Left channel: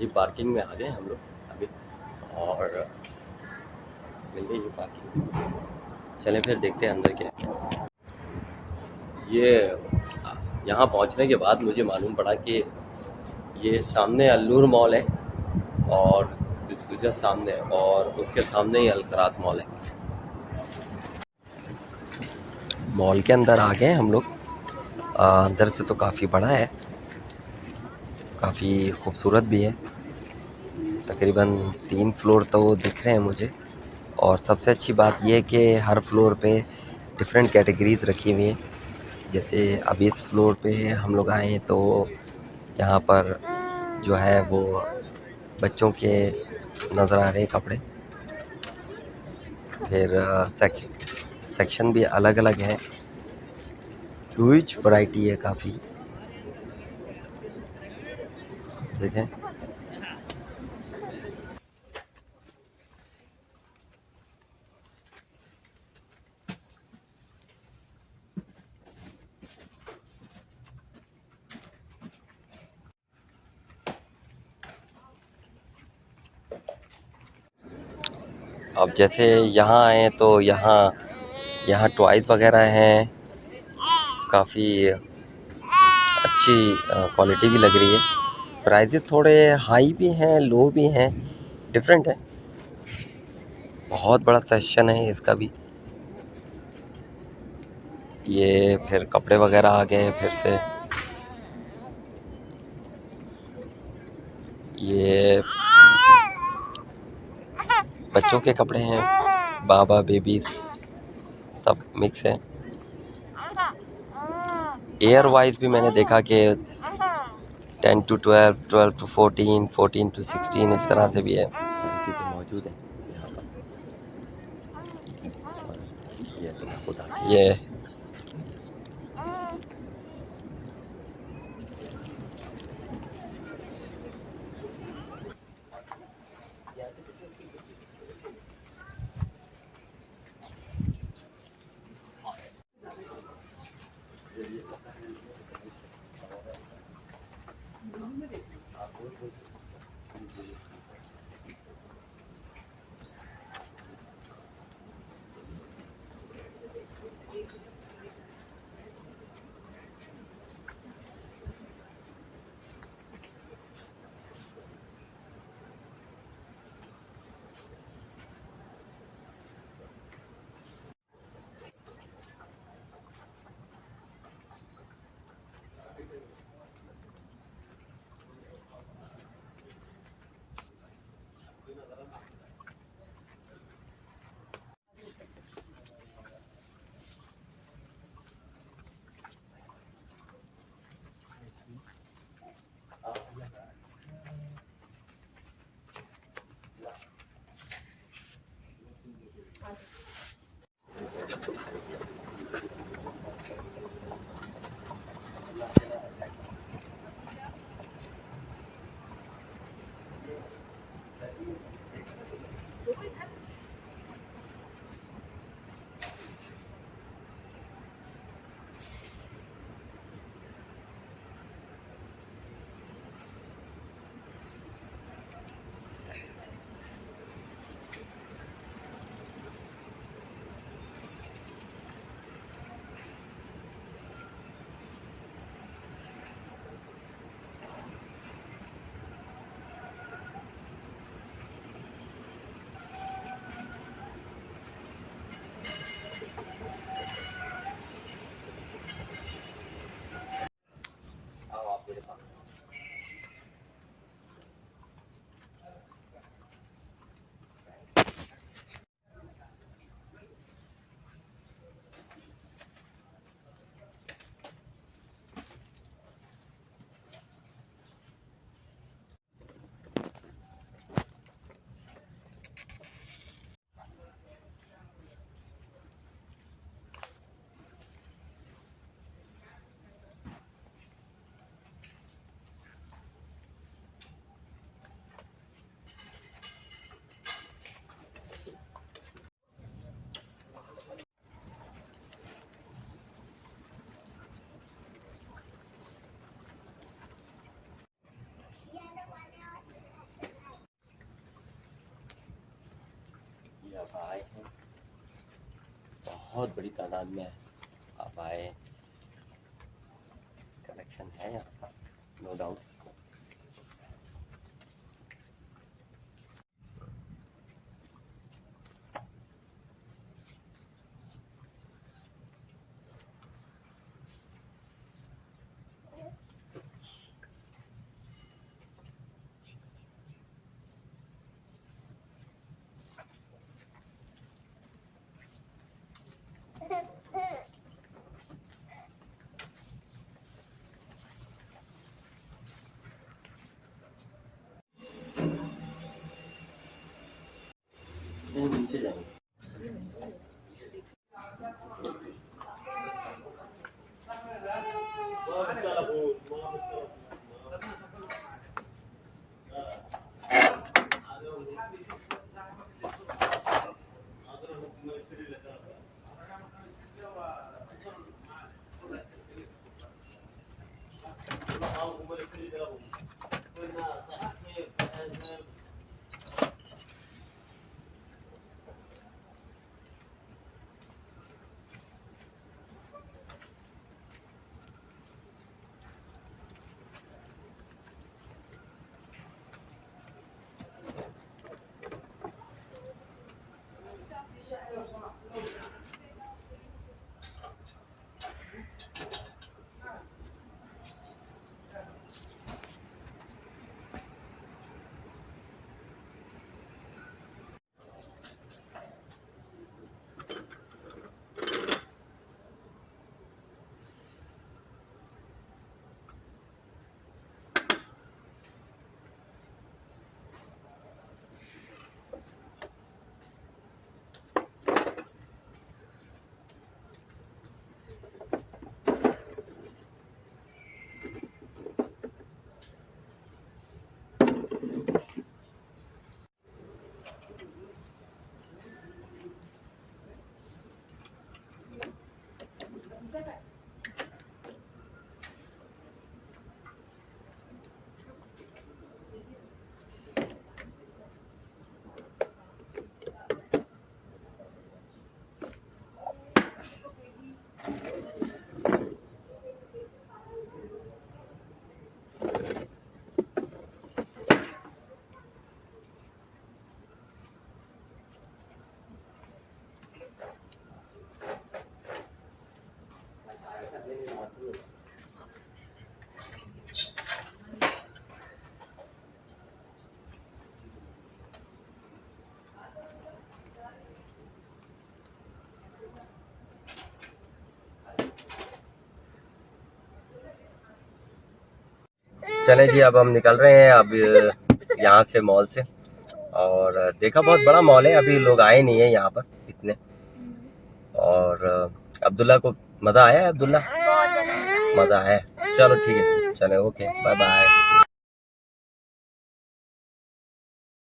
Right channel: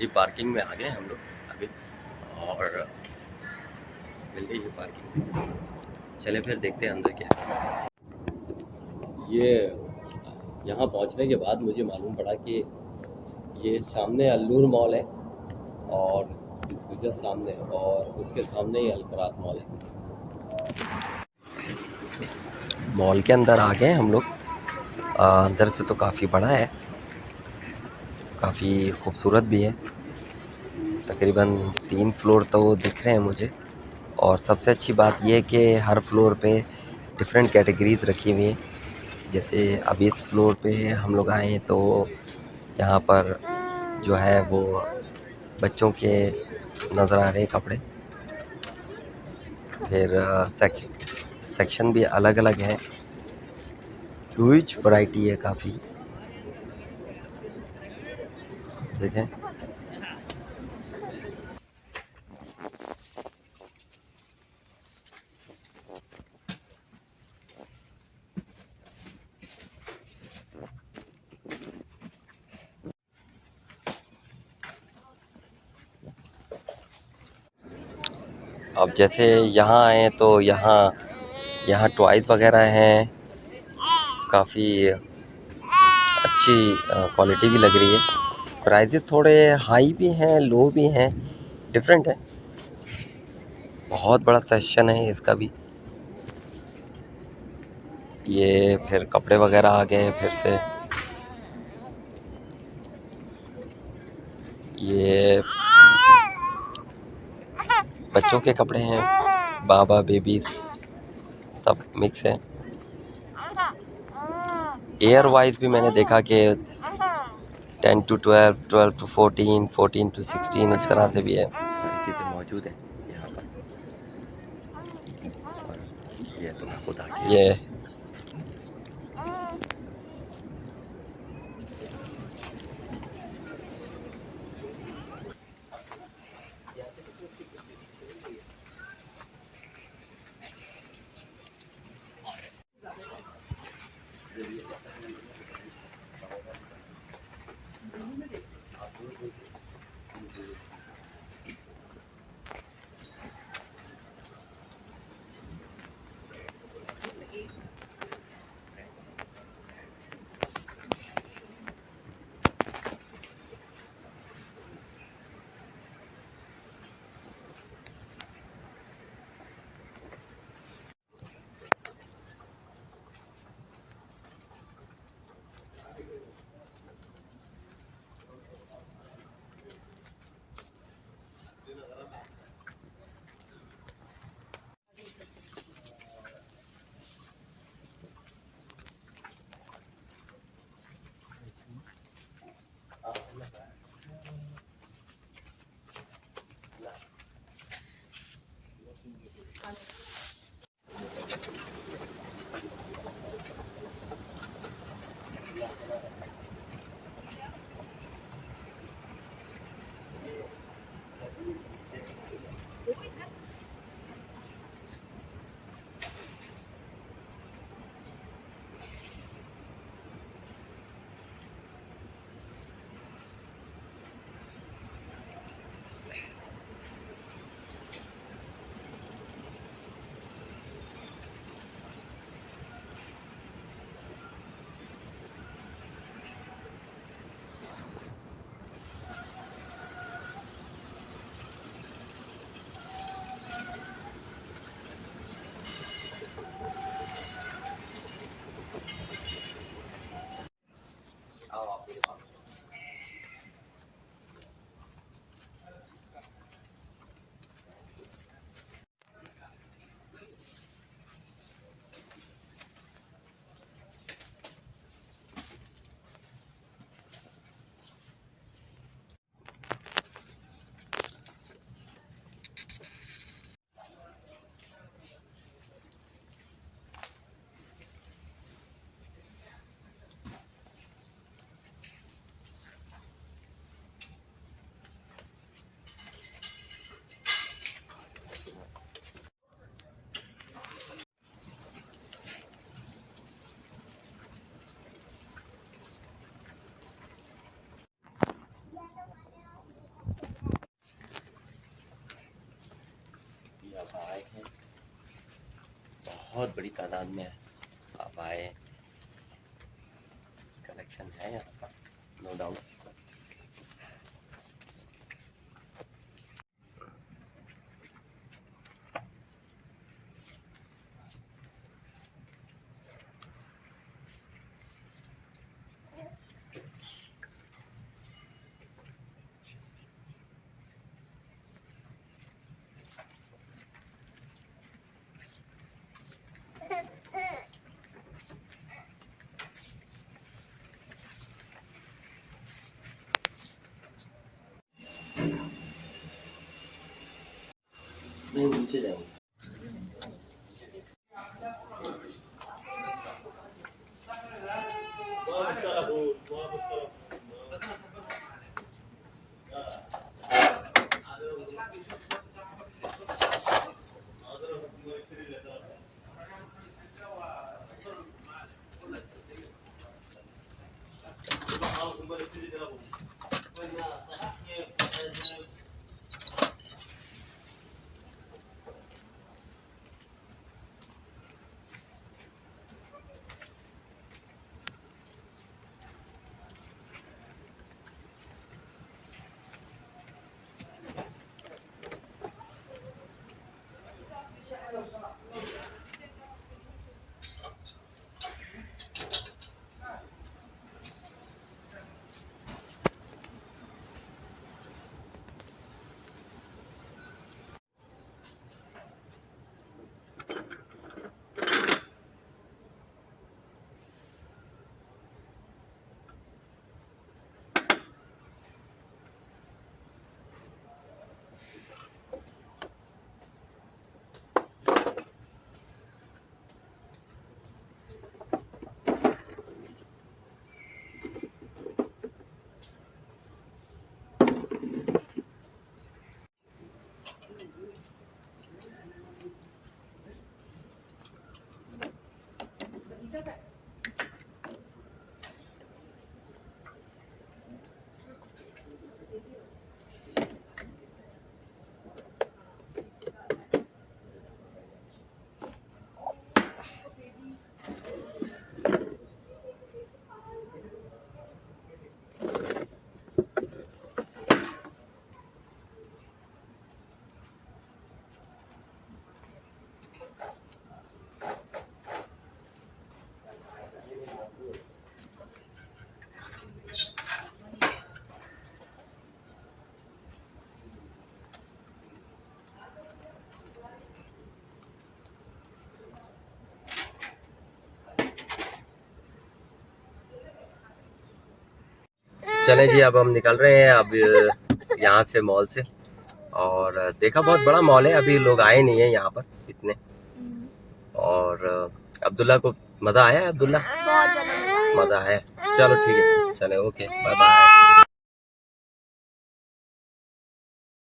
ये पार्किंग में आ गए हम लोग अभी, और मिल गई ये पार्किंग। चलें फिर देखते हैं अंदर क्या है। ये यहाँ पहुँचने के बाद मुझे मालूम पड़ा कि ये सामने अल्लूर मॉल है, और बिल्कुल जस्ट सामने, और उसके सामने ही अलकरात मॉल है। मॉल के अंदर आ गए हम लोग। अंदर से तो काफ़ी बड़ा है, काफ़ी खूबसूरत भी है। तकरीबन 3 फ्लोर तो दिख रहे हैं मुझे, और सबसे अच्छी बात यह है कि हर फ्लोर पे डिफरेंट कैटेगरीज रखी हुई हैं। जैसे अभी इस फ्लोर पे हम लोग आए हैं तो यहाँ पर जो है वो बच्चों के नज़र आ रहे हैं कपड़े। फिर सेक्शन भी अलग अलग है, ह्यूज वैरायटी है काफ़ी। देखें, अब जैसे यहाँ आए तो यहाँ यहाँ टॉयज़ वगैरह हैं, काफ़ी अच्छी क्वालिटी भी लग रही है। प्राइजेस थोड़े हाई भी हैं, लो भी हैं, डिफरेंट है। बहुत बड़ा सेक्शन है इसका भी। ये फिर कपड़े वगैरह आ गए हैं फिर से। ये बच्चों के कपड़े हैं, बाबा बेबीज सब मिक्स है। एयर वाइज भी मैंने देखा कि 10 to 12, 12 to 14, 14 to 16 इस तरह से भी है। सारी चीज़ें मौजूद हैं यहाँ पर। और ये तो मैं खुद आके ये आए हैं, बहुत बड़ी तादाद में आप आए, कलेक्शन है यहाँ पर नो डाउट। नहीं नीचे जाएंगे। चले जी, अब हम निकल रहे हैं अब यहाँ से मॉल से। और देखा बहुत बड़ा मॉल है, अभी लोग आए नहीं है यहाँ पर इतने। और अब्दुल्ला को मज़ा आया है? अब्दुल्ला बहुत ज्यादा मज़ा है। चलो ठीक है, चले, ओके, बाय बाय।